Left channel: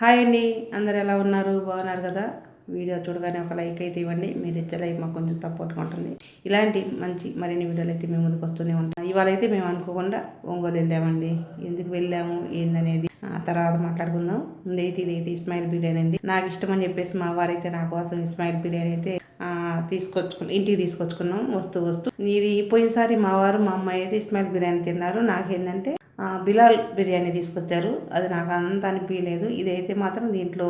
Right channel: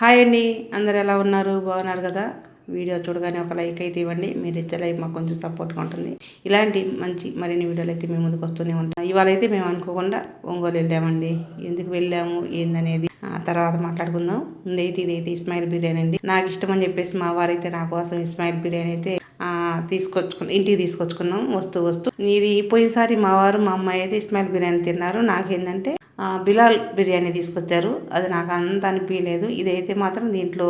Hi అండి, అందరు ఎలా ఉన్నారు? బాగున్నారు కదా? వీడియో చూడగానే ఒక లైక్ అయితే ఇవ్వండి. మీరు ఇచ్చే లైక్ మాకు కొంచెం సపోర్ట్గా ఉంటుంది. ఇలాంటి మంచి మరిన్ని వీడియోలు అయితే మేము ముందుకు వస్తూనే ఉంటాం. ఇవాళ అయితే మేము అనుకోకుండా ఒంగోలు వెళ్ళామండి. ఎందుకు వెళ్ళాము ఏందనేది తర్వాత మాట్లాడుకుందాం. ఇదైతే ఇస్మాయిల్ బిర్యానీ అండి. నాకు ఇష్టం అని చెప్పేసి మా వారైతే నా కోసం ఇస్మాయిల్ బిర్యానీ అయితే ఇంటికి తీసుకొచ్చుకున్నాం. వస్తూ ఇది పోయినసారి మా వారు మా అమ్మాయి అయితే ఇస్మాయిల్ బిర్యానీ తిన్నారు. నాకేంటంటే బిలాల్ బిర్యానీ తీసుకొచ్చారు. అది నాకు అంత అనిపించలేదు. ఇదైతే మాత్రం దీంట్లో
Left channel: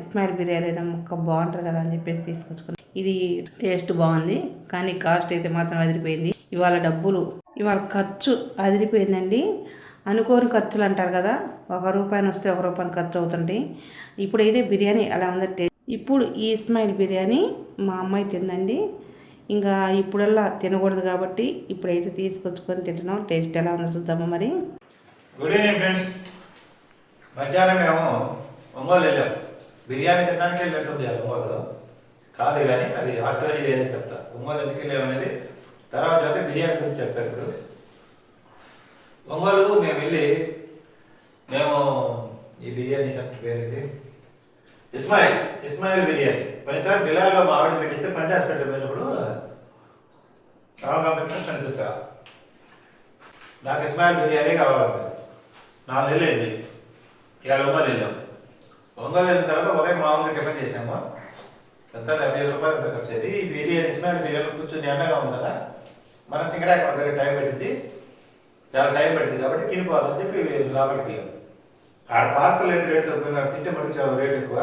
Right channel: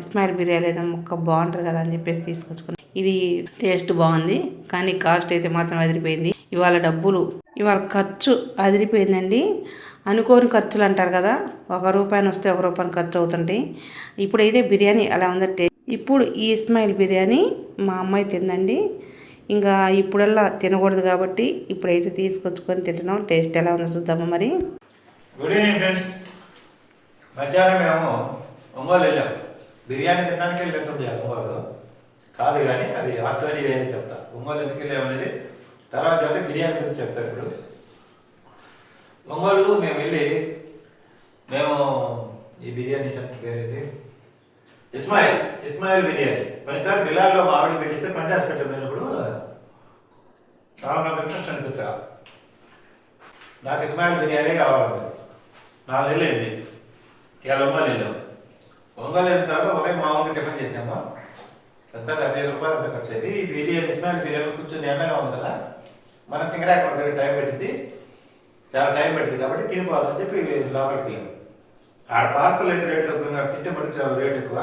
ఇస్మాయిల్ బిర్యానీ ముక్క బాగుంటుంది కదా అని చెప్పేసి తీసుకొచ్చుకున్నాం. ఇది టేస్ట్ బాగుంది, కానీ కాస్ట్ అయితే మాత్రం అదిరిపోయింది. ఇవాళ ఖర్చు అదిరిపోయిందండి. అనుకోని ఖర్చులు అంటారు కదా, ₹1 వస్తే ₹1 ఖర్చు అవుతుంటాయి. ఇప్పుడైతే బిర్యానీ అలా ఉందంటే ఇప్పుడు ఈ ఇస్మాయిల్ బిర్యానీ మా అమ్మాయి తిందండి. ఇంకా ఇప్పుడల్లా తినకూడదు కాబట్టి ఇప్పుడైతే తీసుకొచ్చుకొని తింటున్నాం. టేస్ట్ ఎలా ఉందో చూద్దామా మరి. Good evening friends. మధ్యాహ్నం మేము ఒంగోలు వెళ్ళాం. బిర్యానీ తినడానికి వెళ్ళినట్టుంది ఒంగోలు కాదు, కానీ అది ఆ స్టోరీ వేరే చెప్తా. ఒంగోలు ఎందుకు వెళ్ళామనేది తర్వాత అయితే బిర్యానీ గురించి చెప్తాను. ఇప్పుడు ఒంగోలు మేము వెళ్ళి ఈ బిర్యానీ సెంటర్ పేరు ఇస్మాయిల్ బిర్యానీ. కొన్నిసారి బిలాల్లో మామిడి పెట్టిస్తే పంట హాస్పిటల్ వెళ్ళినప్పుడు చాలా ఇంట్రెస్ట్ అనిపిస్తా. నాకు ఇస్మాయిల్ బిర్యానీ కావాలంటే 4 నెలలు అయింది. ఇవాళ ఒంగోలు వెళ్ళాం. ఒంగోలు వెళ్ళిన తర్వాత ఉదయం మామూలుగా టిఫిన్ చేసాము. ఎంత ₹75 అంత ఖర్చు అయింది. ఈ బిర్యానీ ఇస్మాయిల్ బిర్యానీ కూర్చొని ఎండగా ఉంది కదా, మన సింగరాక దగ్గర చాలా టైం పెట్టింది కాబట్టి తినిపోదని చెప్పి లోపలికి వెళ్ళాం. ఆడ పార్సల్ అయితే రేట్ తక్కువ, తింటే మటుకు చాలా రేట్ ఎక్కువ.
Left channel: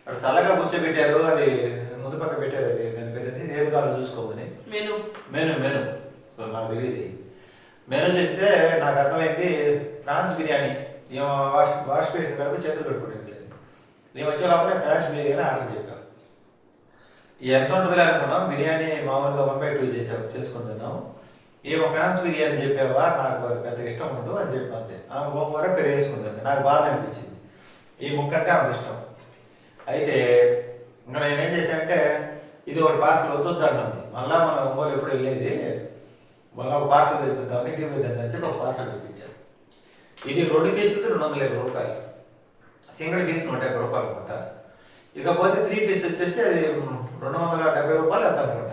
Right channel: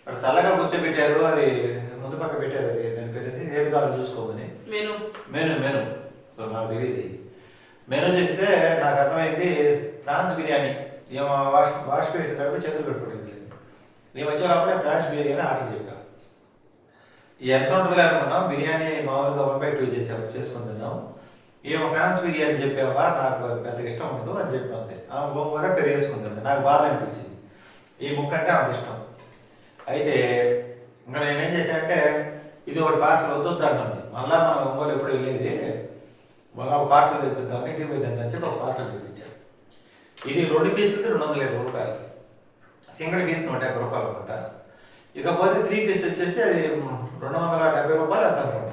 అక్కడ చల్లగా కూర్చోబెట్టారు. అది ముందు పక్క పెట్టారు. అది దాని పేరు ఏది కావాలో చూసుకోమని మెను. సో నాకు తెలియదు. మెను చేస్తే నాకు అర్థమైంది ప్రాన్స్ బిర్యానీ. ఏమో వాష్ పేషన్ కడుపు చేతులు పెట్టుకోవడం లేదు. మేము వచ్చే లోపలే ప్రాన్స్ బిర్యానీ ఆర్డర్ చెప్పాం. ఎంత ఉంటుందిలే అనుకున్నాం. బిర్యానీ మామూలుగా 1/2 చేసుకుని తిన్నాం. ఏమో ఫ్రాన్స్ బిర్యానీ చెప్పావా, నాకు అది పెద్దగా ఇష్టం ఉండదు అని చెప్పి ఆమె గోంగూర పెరిగేసుకుంది. నాకు బాధ అనిపించింది. ఈ ముక్క అంటే ఆమెకు ఇష్టం. అయితే ఇంకా నేనేం చేశానంటే ఇది ఒకటి పార్సల్ వద్దుద్దాన్ని. మళ్ళీ మనం ఒంగోలు ఎప్పుడు వెళ్ళేది, మళ్ళీ ఒక పార్సల్ తెప్పిద్దామని ఇంటికి పోయిందని చెప్పి ఒక పార్సల్ తెప్పించాను. ఇది 2 పీసులకి ₹220, సింగిల్ పీస్ ₹150 అనమాట. ఇకపోతే 3 పీస్ వచ్చేసి అది ₹270 ఎంత అనమాట.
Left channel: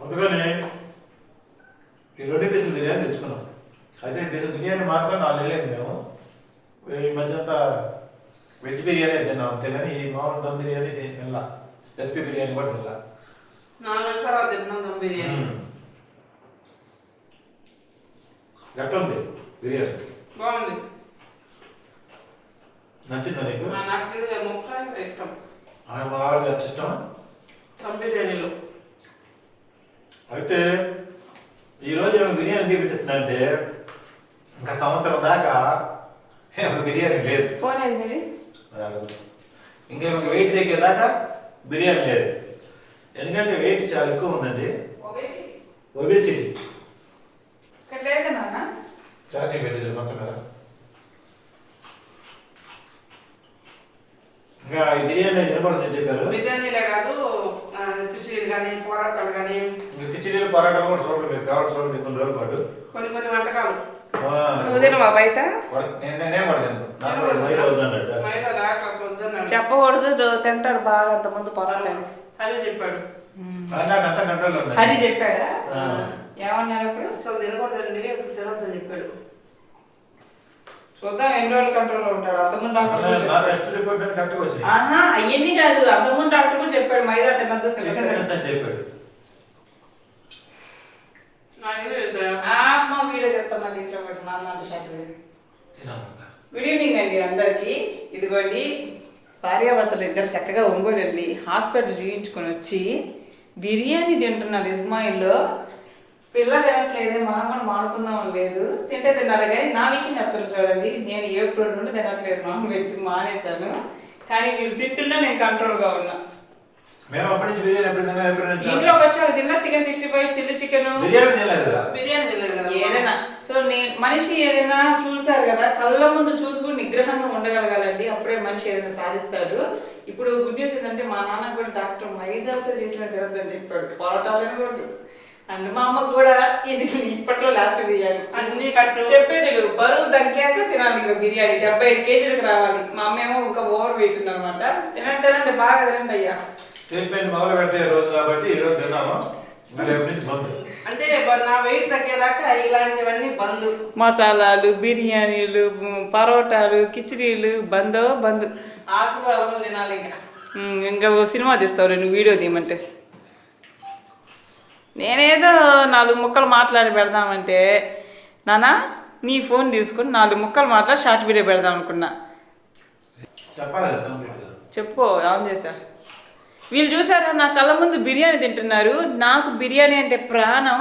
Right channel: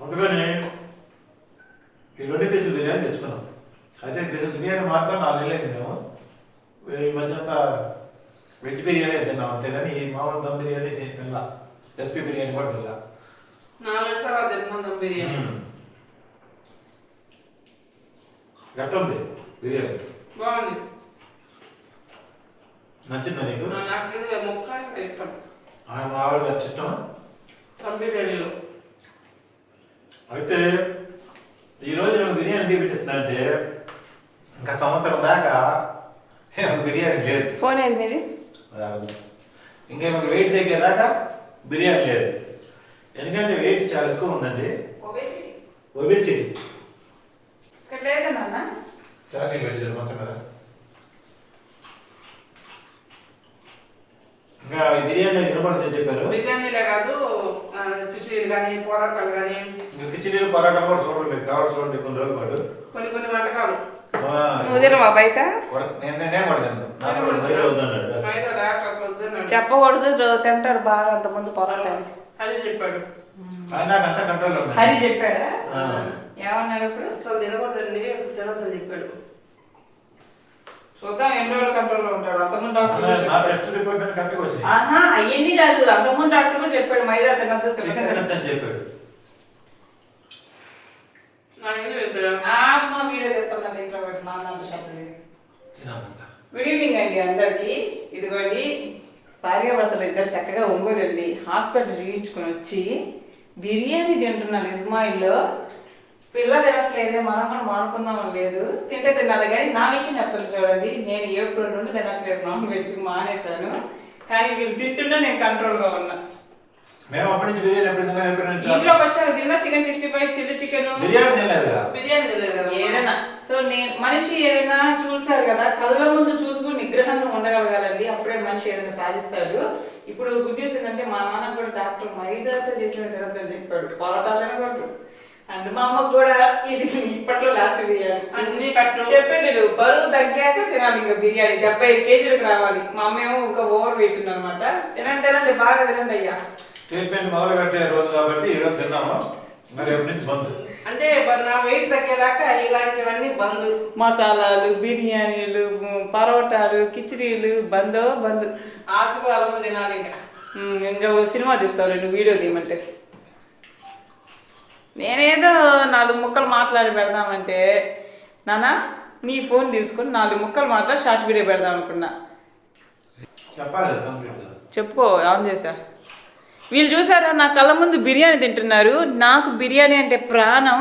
అందుకని ఈ 2 పీసులు బిర్యానీ తెచ్చుకున్నాం. అయితే బిర్యానీ మాత్రం 4 నెలలు అయింది. మేము ఈ మధ్య అంతా వెజ్ బిర్యానీ తిన్నాం అంతే, కానీ ఈ మామూలు దమ్ బిర్యానీ తినలా. రెసిపీ బిర్యానీ కూడా తినలా. 4 నెలల తర్వాత తిన్నాం దమ్ బిర్యానీ. ఎట్లా ఉంది బిర్యానీ? బాగుంది. నచ్చిందా నీకు? నాకు ముక్క ఇష్టం. మా ఆవిడ ఇష్టం దమ్ బిర్యానీలో. అయితే ఈరోజు ఏమైనా బిర్యానీ తీపిస్తున్నా అంటే ఇంకా సంవత్సరం దాకా బిర్యానీ లేదు. ఫోన్ అయింది మీది? ఇంకేమో వెయిట్ తగ్గేదాకా బిర్యానీ లేదు. ఎందుకంటే వెయిట్ చాలా ఎక్కువ ఉందండి. ఒబేసిటీ. చార్జింగ్ పెట్టేది మొత్తం కదా. ఇంకా ఈ బిర్యానీ తినకూడదని చెప్పారు. బిర్యానీలే కాదు, కిచిడీలు కానీ పోరాటాలు కానీ. ఇంకా కిచిడీలు పొరాటాలు కూడా చూడండి, మీరు కావాలి చూడండి. కొన్ని రోజుల పాటు కొన్ని వంటకాలు నువ్వు తినవా బయట? నేనేం పడతాను, నాకు మైదా వద్దన్నాడు. చెప్పకూడదు, తింటాడు బాగా. అంత ముందు పొరాలని హరి చెప్పాడు. నాకు అంతా కంట్రోల్ ఉంది. హరి చెప్పాడా? ఏమన్నాడు అప్పుడు? అసలు తినకూడదండి, అసలు తినొద్దని చెప్పాడు. చూద్దాం ఎన్ని రోజులు కంట్రోల్లో ఉంటాడు. అంతకుముందు డాక్టర్ అవన్నీ కాదు, అంతకుముందు డాక్టర్ కూడా చెప్పాడు మైదా తినద్దు చెప్పాడు. గుడ్ ఈవినింగ్ అండి అందరికి. ఇదిగోండి, భార్యాభర్తలు ఇద్దరు చక్కగా ఒంగోలు వెళ్ళి హాస్పిటల్ చూయించుకొని వచ్చి బిర్యానీ తింటున్నారు. ఇస్మాయిల్లో పిల్ల తినట్లేదు, మనం కూడా మానుకుందామని లేదు. తింటే తినాలి, కానీ నా విషయం చెప్తాను చూడండి. నేను ఏప్రిల్ నుండి తినట్లేదు, నాన్ వెజ్ మానేశాను. కానీ వీళ్ళు తింటుంటే నేను కంట్రోల్గా ఉన్నా. మేము అప్పటి నుంచి బిర్యానీ ఇంట్లోకి వచ్చాక తిన్నా. చికెన్ 65, చిల్లీ చికెన్, బిర్యానీ తినలేదు కదా ఏదైనా. సో మనిషి ఏదైనా చూశారు కదా, కళ్ళ ముందు చూసుకుని నిగ్రహంగా ఉండగలగాలండి. అప్పుడే మనిషి ఏదైనా సాధిస్తాడు. ఇప్పుడు గుడ్ న్యూస్ ఏంటంటే మా నాన్న కూడా డాక్టర్ మైదాతో చేసిన తినద్దని చెప్పాడు. పొరాటాలు తినకూడదు, అండ్ మా అమ్మకు కూడా ఇది ఇప్పట్లో లాస్ట్ బిర్యానీ అన్ని కట్టు. చెప్పేది నువ్వు బరువు తగ్గాక తినాలి ఇంకా బిర్యానీ 75 కేజీలకు రావాలి. మా అమ్మ ఏమో ఇంకా ఓవర్ వెయిట్ ఉంది అనమాట. తినండి బాగా తినండి అయ్యా. ట్రీట్మెంట్ మొదలు పెట్టే రోజు కాబట్టి ఈరోజు తిన్నాము, మరి రేపు నుంచి బంద్. అంటే నా వెయిట్ తగ్గేదాకా ఇలాంటివన్నీ బంద్. మసాలాలు, బిర్యానీలు, పరోటాలు, కిచిడీలు బంద్. ఆకుకూరలు తినాలి ఇంకా. ఇంకా సినిమా తీస్తావు నువ్వు వీడియో తీయమంటే. నేనేదో 4 ముక్కలు మాట్లాడి పెడదామంటే నాన్న నీ ఫోన్ తీసుకొని 4 ముక్కలు మాట్లాడి షార్ట్ వీడియో పెడదాం అనుకున్నా. చెప్పాలి కదా కంప్లీట్గా. చెప్పుకో ఆన్ చేశా. వీళ్ళు చూసారా నా కళ్ళ ముందు బిర్యానీ తింటున్నారు. నాకు బిర్యానీ అంటే ప్రాణం.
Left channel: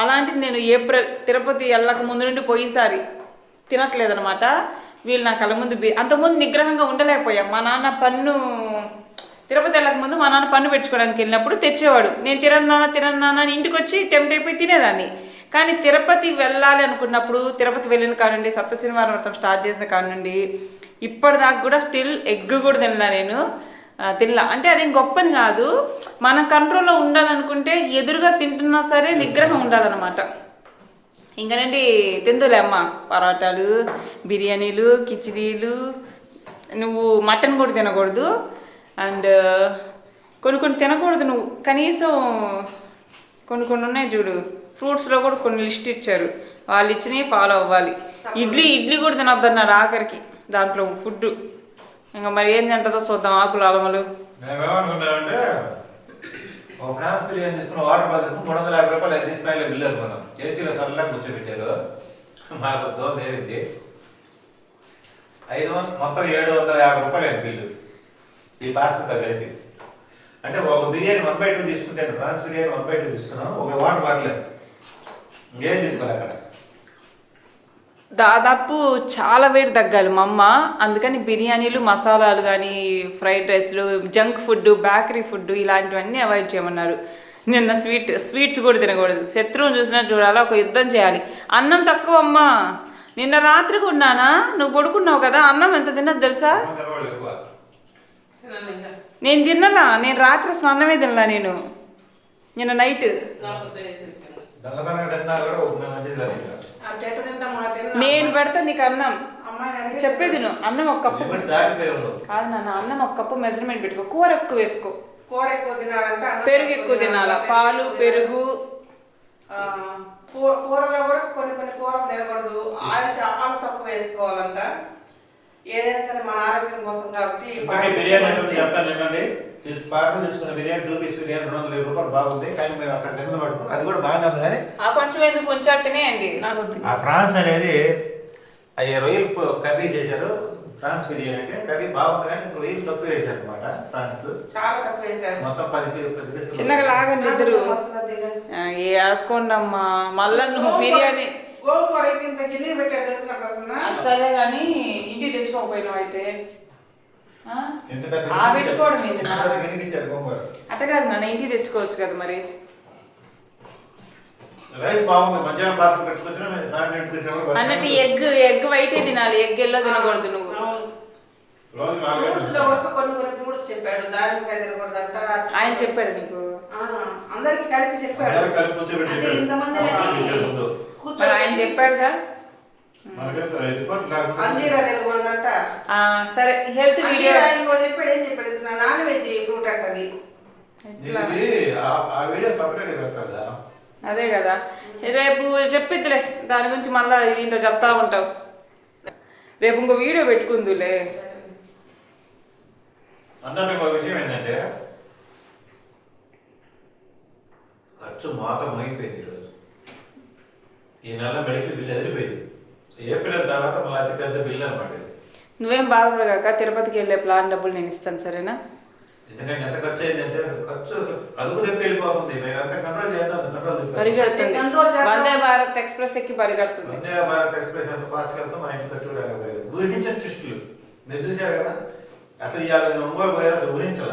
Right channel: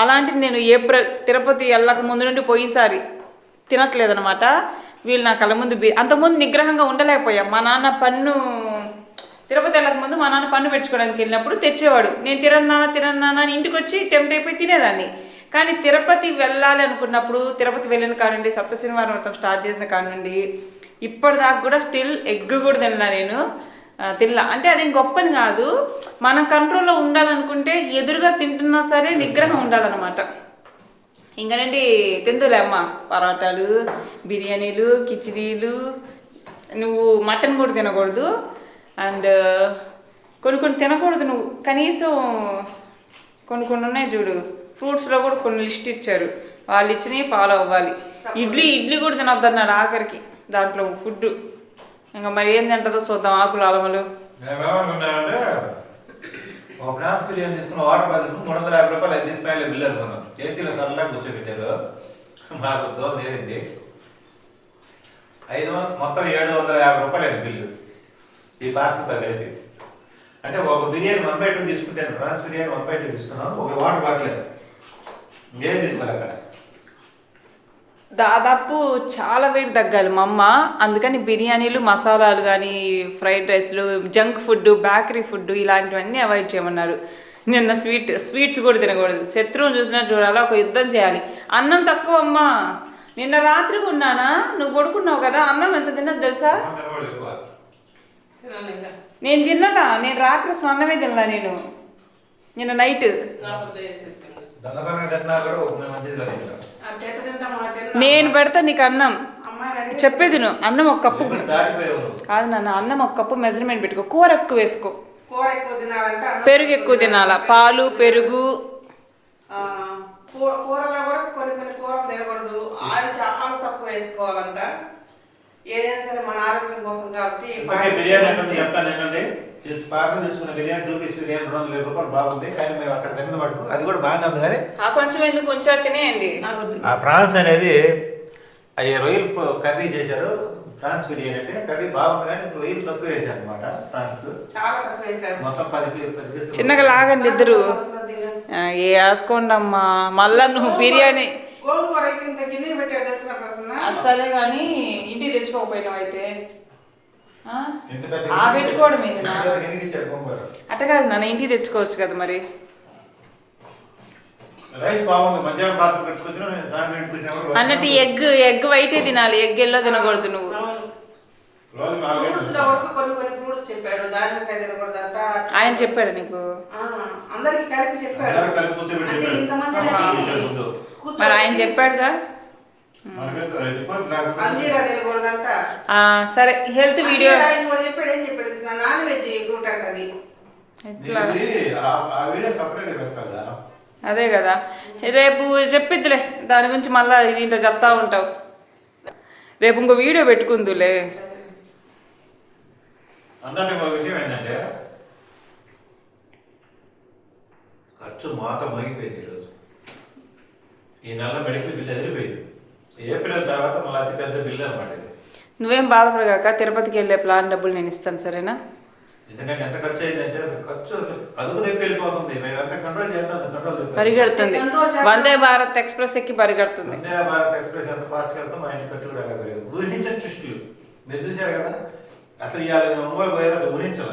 అలాంటిది నేను ఏప్రిల్ తిరుపతి వెళ్ళక ముందు నుండి పోయిసారి తినట్లేదనమాట. వీళ్ళు నా కళ్ళ ముందు అంతకుముందు నిగ్రహంగా ఉండలేకపోయాం. మా నాన్న పన్ను తిరుపతి వెళ్ళక ముందు మా నాన్న పన్ను పెట్టుకోవడానికి వెళ్ళినప్పుడు తెచ్చేవాడు. నేను తిరన్నానా అని ఇంటికి వచ్చి టెంప్ట్ తినేదాన్ని. కానీ తిరుపతి వెళ్ళాలి అనుకున్నప్పుడు తిరుపతి వెళ్ళిన కానుండి సప్తశనివారం వ్రతం స్టార్ట్ చేసిన కానుండి ఇప్పటిదాకా కూడా స్టిల్ ఎగ్ కూడా తినలా. అంటే అది గొప్పని కాదు, మన కంట్రోల్లో ఉండాలనుకుంటే ఎదురుగా తింటున్నా సరే నిగ్రహం ఉండాలన్నమాట. ఇంకనండి తిందులే అమ్మ పరోటాలు, బిర్యానీలు, కిచిడీలు. నువ్వు మటన్ కూడా తినకూడదు. అండ్ కొన్ని తినకూడదు నువ్వు. కనీసం కొన్ని ఉన్నాయి చూడు, ఫ్రూట్స్లో కూడా కొన్ని లిస్ట్ ఇచ్చారు, వాళ్ళు ఇచ్చినవి ఫాలో అవ్వాలి. ఇడ్లీ కూడా తినొద్దన్నారు ఆఖరికి దాంట్లో ఫుడ్. ఇంకా మరి ఏం తింటుందో చూద్దాం. ఆకులు అలమలు మేమేమనుకున్నామంటే ఒక ఫ్రాన్స్ బిర్యానీ తీసుకుని వాటర్ బాల్ తీసుకుని 350 రూపాయలు 5 తీసుకుని బిల్లు అనుకున్నాం. చేసీలో సరళంగా కూర్చోబెట్టారు. మాకు దోమ నేరింది. 500 మొత్తం 750 రూపాయలు అయింది బిల్లు ఈ పార్సల్తో కలిపి. అంటే ఒక బిర్యానీ 1/2 తీసుకుంటాను, ఫ్రాన్స్ బిర్యానీ 1/2 తీసుకున్నాం. ఒక వాటర్ బాటిల్ ఇంకేం తీసుకోవాలి అక్కడ. దాదాపు చాలా వెయిట్ తగ్గాలి మా అమ్మ. అందుకని బిర్యానీలు, మసాలాలు కానీ, ఫ్రైడ్ రైస్లు, జంక్ ఫుడ్, బేకరీ ఫుడ్ ఇలాంటివన్నీ అవాయిడ్ చేయమన్నారు. నిన్న స్వీట్స్ కూడా తినకూడదు. శత్రువుని చూసినా చూడాలా, ఒక యుద్ధం చేయాలి. అన్నం తక్కువ అమ్మ. నిన్న రాత్రి ఉన్నానా, నువ్వు పడుకున్నావు కదా, అన్నం ఎంత తిన్నది తెలుసా? నేను తిన్నలా, నేను రాత్రి అసలు అన్నమే తినలా. నేను నిన్న నైట్ నేను పెడతా నీకు అన్నం. చెప్పేది నువ్వు అన్నం ఒక కప్పు కాదు నాన్న, అన్నం ఒక కప్పు మెజర్మెంట్ పెట్టుకో. కూర ఎక్కువ వేసుకో, కూర ఎక్కువ తినాలంటే పెరుగు ఎక్కువ తినాలా, పాలు పెరుగు. కూరలో కూడా కొన్ని కూరలు తినకూడదు. ఆయిల్ చాలా తక్కువ వేసుకోవాలంట. ఏదైనా సరే మన ఆరోగ్యం కోసం కాబట్టి. బిర్యానీ అంటే చెప్తాను ఏంటండి, పార్సల్ తీసుకున్న బిర్యానీ 2 పీస్ బిర్యానీ 250 రూపాయలు బాగుంది. కానీ మేము అక్కడ తిన్న మటుకు అది కూడా బాగానే ఉంది. కానీ ఆ కొంచెం ఎందుకు కొంచెం తినేయండి. ఆ ఫ్రాన్స్ అనేది అవి రొయ్యలు కర్రీ చేశారు. ఫ్రాన్స్ బిర్యానీ అంటే కర్రీ బాగుంది, కానీ రొయ్యలు తక్కువ వేసారు అనమాట. ఫ్రాన్స్ చాలా తక్కువ వేసారు. మొత్తం 10 పీసులు చిన్నగా లాగండి ఇద్దరు. వేసుకోండి అమ్మా. మళ్ళా నువ్వు బిర్యానీ సరే కానీ ఇంటికి తెచ్చుకోకపోయినావు అయితే పెట్టుకోవడం అట్ట కాదు నాన్న, ఇంటికి తెచ్చుకోవచ్చు కదా మరి. అన్నట్టు ఎగ్ వైటే తినాలి, ఎగ్ ఎల్లో తినకూడదు. నువ్వు ఆయన చెప్పాడు నీకు? అందరికి కలిపి చెప్పాడు. మరి ఆయన చెప్పాడుగా. సరే హెల్త్ వీడియో చెప్పాడు. ఏం చెప్పాడు? నాన్ వెజ్ ఫ్రూట్ అంటది. అదే కదా, రేపు చెప్పిద్దిలే దాని గురించి. మళ్ళీ దీంట్లో చెప్తా ఉంటావు. రేపు ఇంకో వీడియో పెట్టుకుందులే. అన్నట్టు ఒక విషయం ఏంటంటే ఖర్చు మాత మోగిపోయింది ఈరోజు. ఈ నెల మెడికల్ బిల్ ఎదిరిపోయింది. ఏప్రిల్ తర్వాత మళ్ళీ అతి పెద్ద బిల్లు అనమాట. నువ్వేం బాధపడగాక, తిరుపతికి వెళ్ళే ప్లాన్ డబ్బులు నేను ఇస్తాను సరేనా? ఎందుకంటే ఎంత ఖర్చు అయిందంటే ఖర్చు అదుపు తెప్పి వెళ్ళిపోతుంది. మేము ఎంత కంట్రోల్ చేయాలి కంట్రోల్ పరిగెడుతుంది. వందే భారత్ ఎక్స్ప్రెస్ ఎక్కి పరిగెడుతుంది. వందే భారత్ ఎక్స్ప్రెస్ ఎంత ఫాస్ట్గా వెళ్తాం మా ఇంటి ఖర్చు కూడా అలా పెరుగుతుంది. ఊహించని ట్విస్టులు మీరు చూసారు కదా. అసలు ఇవాళ ఒంగోలు పోయారు, అసలు ఊహించాల.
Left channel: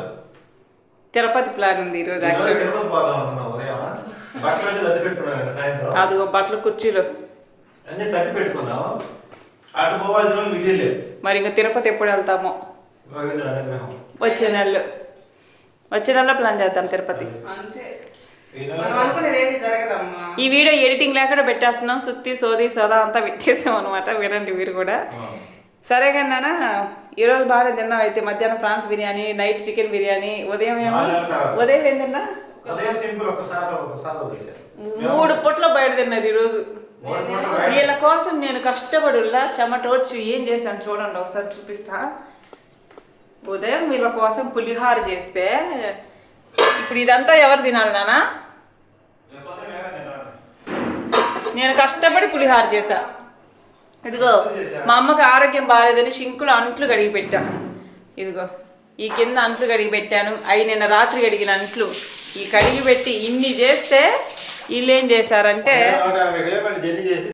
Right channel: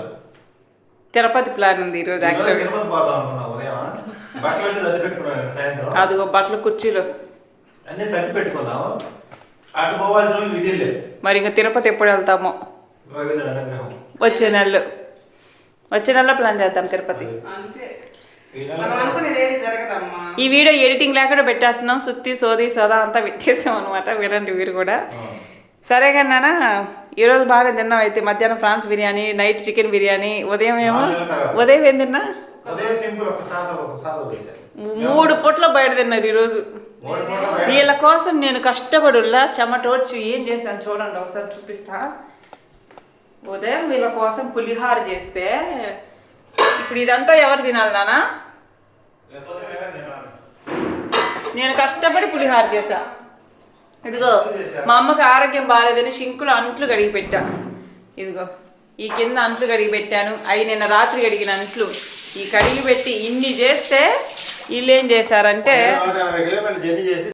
తిరుపతి ప్లాన్ ఉంది ఈరోజు. తిరుపతి పోదాం అనుకున్నాం ఉదయం. బట్టలు అంటే సర్ది పెట్టుకున్నాను సాయంత్రం. అదిగో బట్టలు కుర్చీలు అన్నీ సర్ది పెట్టుకున్నాము. అటు పోవాల్సిన వాళ్ళు వీడియో లేదు. మరి ఇంకా తిరుపతి ఎప్పుడు వెళ్తామో? అనుగ్రహం వచ్చే నెలలో ప్లాన్ చేద్దాం తిరుపతి. ఈ నెల మనం అనుకునేది ఏది జరగదమ్మా. ఈ వీడియో ఎడిటింగ్ లేకుండా పెట్టేస్తున్నాం, సుత్తి సోది సదా అంతా పెట్టేసాం అనమాట. వినండి మీరు కూడా. సరే కానీ నాన్న, ఈరోజు బాగానే తిన్నాం. అయితే మధ్యాహ్నం prawns biryani, night chicken biryani, ఉదయం ఏమో ఉదయం ఏం తిన్నా? ఉదయం సింపుల్ ఒకసారి వదిలేశారు. 3 పూట్ల బయట తిన్నారు ఈరోజు. వీళ్ళ కోసం నేను కష్టపడుల్లా చెమటోడ్చి ఏం చేశాను చూడండి, ఒకసారి చూపిస్తా. ఉదయం వీళ్ళ కోసం పులిహార చేస్తే, ఇప్పుడు ఇదంతా ఎవరు తినాలి నాన్న? నేను కష్టపడి పులిహార చేశా. ఇదిగో మా అమ్మకి ఆరోగ్యం బాగాలేదని షింకులో అంట్లు కడిగి పెట్టా. ఇదిగో ఈ కింద అంట్లు కడిగి పెట్టాను. అవి నిన్న రాత్రి కడిగిన అంట్లు ఈ కడిగి పెట్టి ఇన్ని చేస్తే వీళ్ళు ఏం చేశారంటే జర్నీ చేసి